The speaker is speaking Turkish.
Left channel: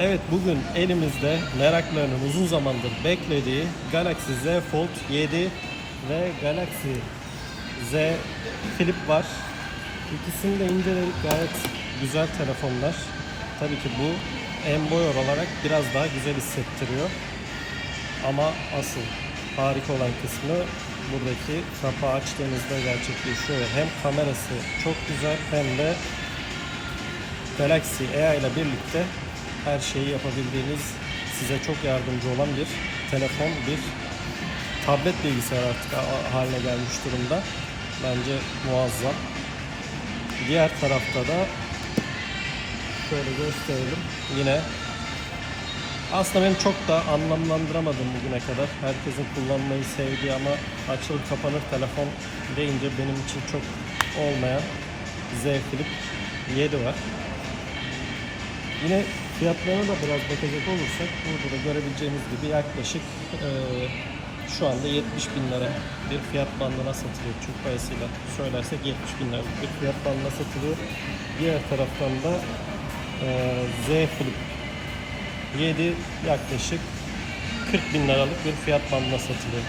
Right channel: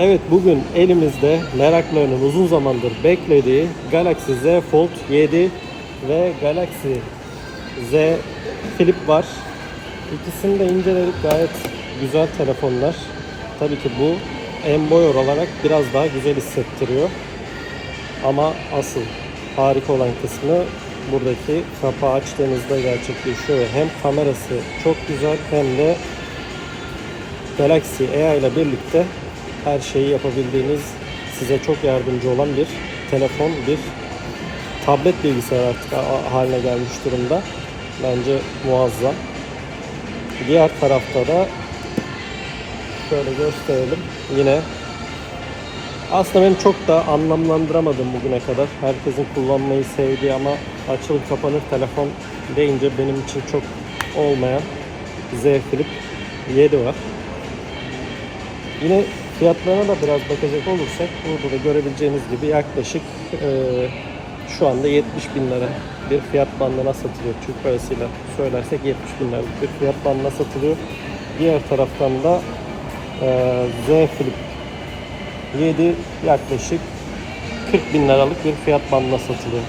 Evet bugün elimizde meraklarının uzun zamandır beklediği Galaxy Z Fold 7 ve Galaxy Z Flip var. İkisini de inceledik gayet güzel telefonlar. Tabii ki bu en boy olarak biraz daha güzel hissettiriyor. Ama asıl harika olan kısmı buradaki kapağı açtığınızda gerçekleşiyor. Hem kamerası çok güzel hem de Galaxy AI ile birlikte her şeyi yapabildiğiniz, size çok yardımcı olan bir telefon, bir tablet bilgisayar artık ha- haline gelmiş durumda. Bence muazzam. Diğer tarafta da şöyle gösterelim. Yine aslında ben çok da anlamlandıramadım bugüne kadar. Herkesin kullanmayı sevdiği ama açılır kapanır telefon deyince benim için çok olmayan Z Flip 7 var. Yine fiyatlarına da biraz bakacak olursak burada da görebileceğiniz gibi yaklaşık eee, şu anda 70 bin lira bir fiyat bandına satılıyor. Türk parasıyla söylersek 70 bin liralık bir fiyat bandına satılıyor. Diğer taraftan da eee, Z Flip 7 yaklaşık 40 bin liralık bir fiyat bandına satılıyor.